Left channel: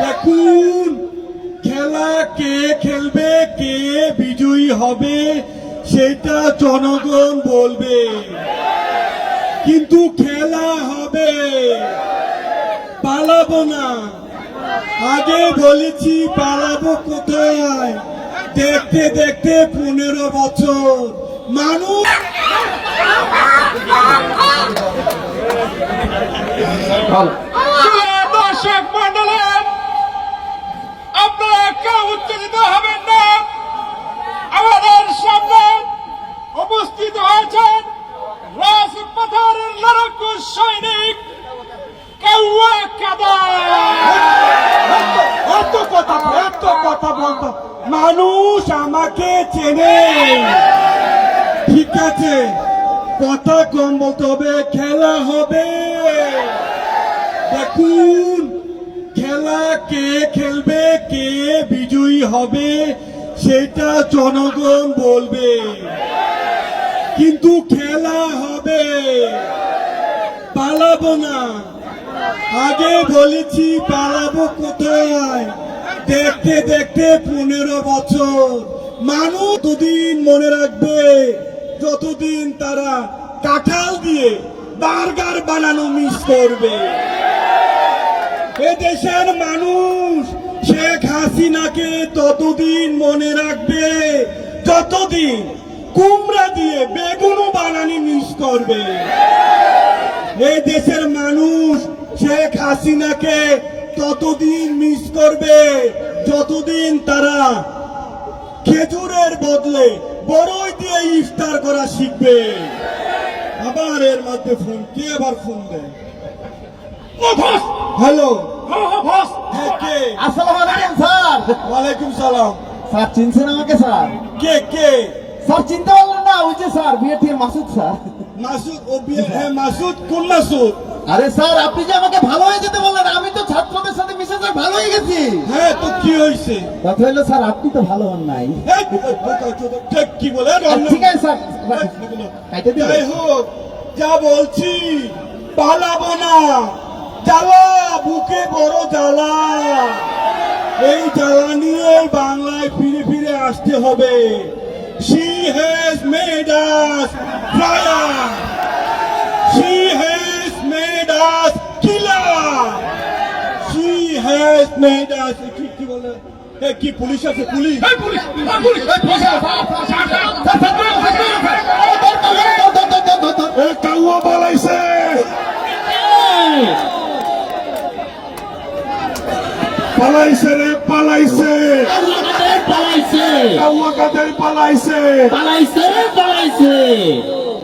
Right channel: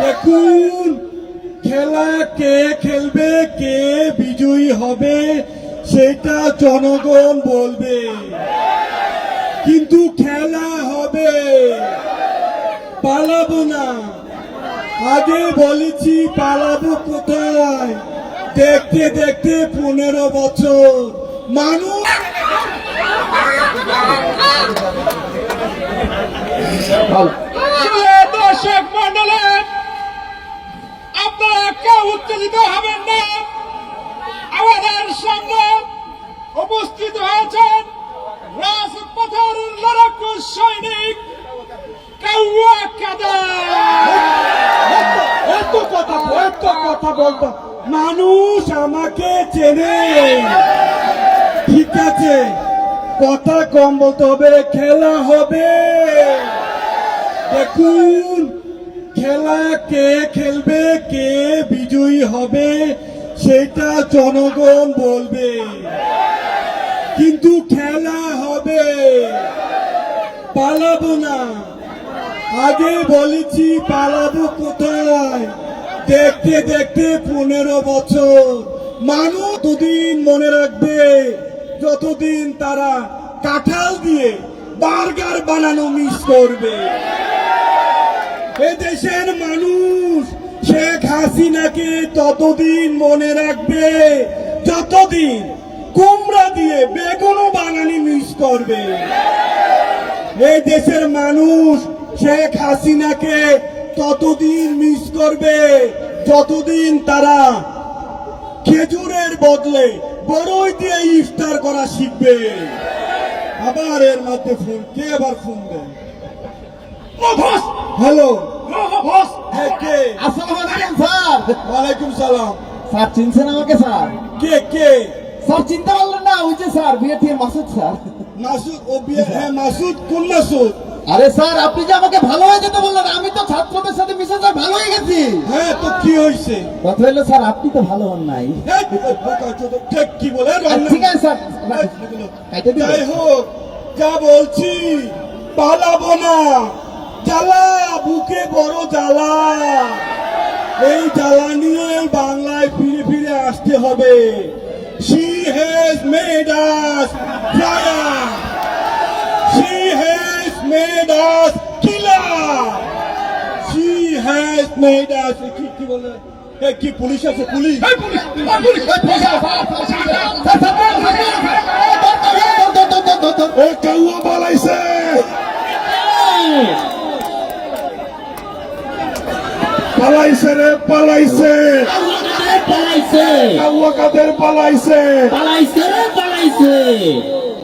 দেখুন খেলা কে খেলবে, কে বিজয়ী হবে, সেটা জনগণ বলবে। কিন্তু খেলা হবে। পালাবো না। আগে বলেছি পালাবো কোথায়? দেখতে দেখতে পনেরো বছর। মানুষ প্রিয় কেউ উত্তেজিত হবেন না। আমাদের সামনে উপস্থিত হয়েছেন কথা কথা বলতো। মানুষ আমাকে চেনে। ঠিক আছে, কথা কম বলতে হবে, খেলা হবে। দেখুন খেলা কে খেলবে, কে বিজয়ী হবে, সেটা জনগণ বলবে। কিন্তু খেলা হবে, পালাবো না। আগে বলেছি পালাবো কোথায়? দেখতে দেখতে পনেরো বছর। মানুষ ততদিন মনে রাখবে, যতদিন তারা কাঁঠাল দিয়ে বার্গার বানানো মিস করবে। এ দেশের মানুষ শেখ হাসিনাকে ততদিন মনে রাখবে, যতদিন কুমড়া দিয়ে বেগুনও বানানি মিস করবে। এই দেশের মানুষ শেখ হাসিনাকে ততদিন মিস করবে, যতদিন তারা খেজুরের বদলে বড়ই দিয়ে ইফতার করা শিখবে। আবার এর মধ্যে ফোন, কে আবার ফোন দেয়? হ্যালো? হ্যাঁ আসসালামু আলাইকুম স্যার। ওয়ালাইকুম সালাম। স্যার চিনছেন আমাকে স্যার? কে কে? স্যার চিনতে পারলেন না ওই যে স্যার মাসুদ স্যার। মাসুদ ও বিয়ে- হ্যাঁ মাসুদ কোন মাসুদ? আরে স্যার আপনি যে আমাকে ভালো হয়ে যেতে বললেন আমি তো ছাত্রদের সাথে মিশে স্যার ভালো হয়ে গেছি। হ্যাঁ তো কি হয়েছে? কথা হলো স্যার আপনি তো ভালো হন নাই। কি বলে? ঠিক আছে স্যার? যাই হোক যা বলছি পালাবো না। জ্বালা বুকে বড় জ্বালা। এই জ্বালা নিয়ে বাংলায় ফিরে ফিরে আসতে হবে। She has made us fire she has made us killer she has made us কি কি বলে? এ, কি পুলিশ আছে? পুলিশ। এই পুলিশ পুলিশ এই police. Sir, sir, sir, sir, sir, ধর, ধর, ধর, ধর, ধর, ধর, ধর। এ কাউয়া পালাইছে পালাইছে রে পালাইছে। পালাইছে। পালাইছে? পালাইছে পালাইছে।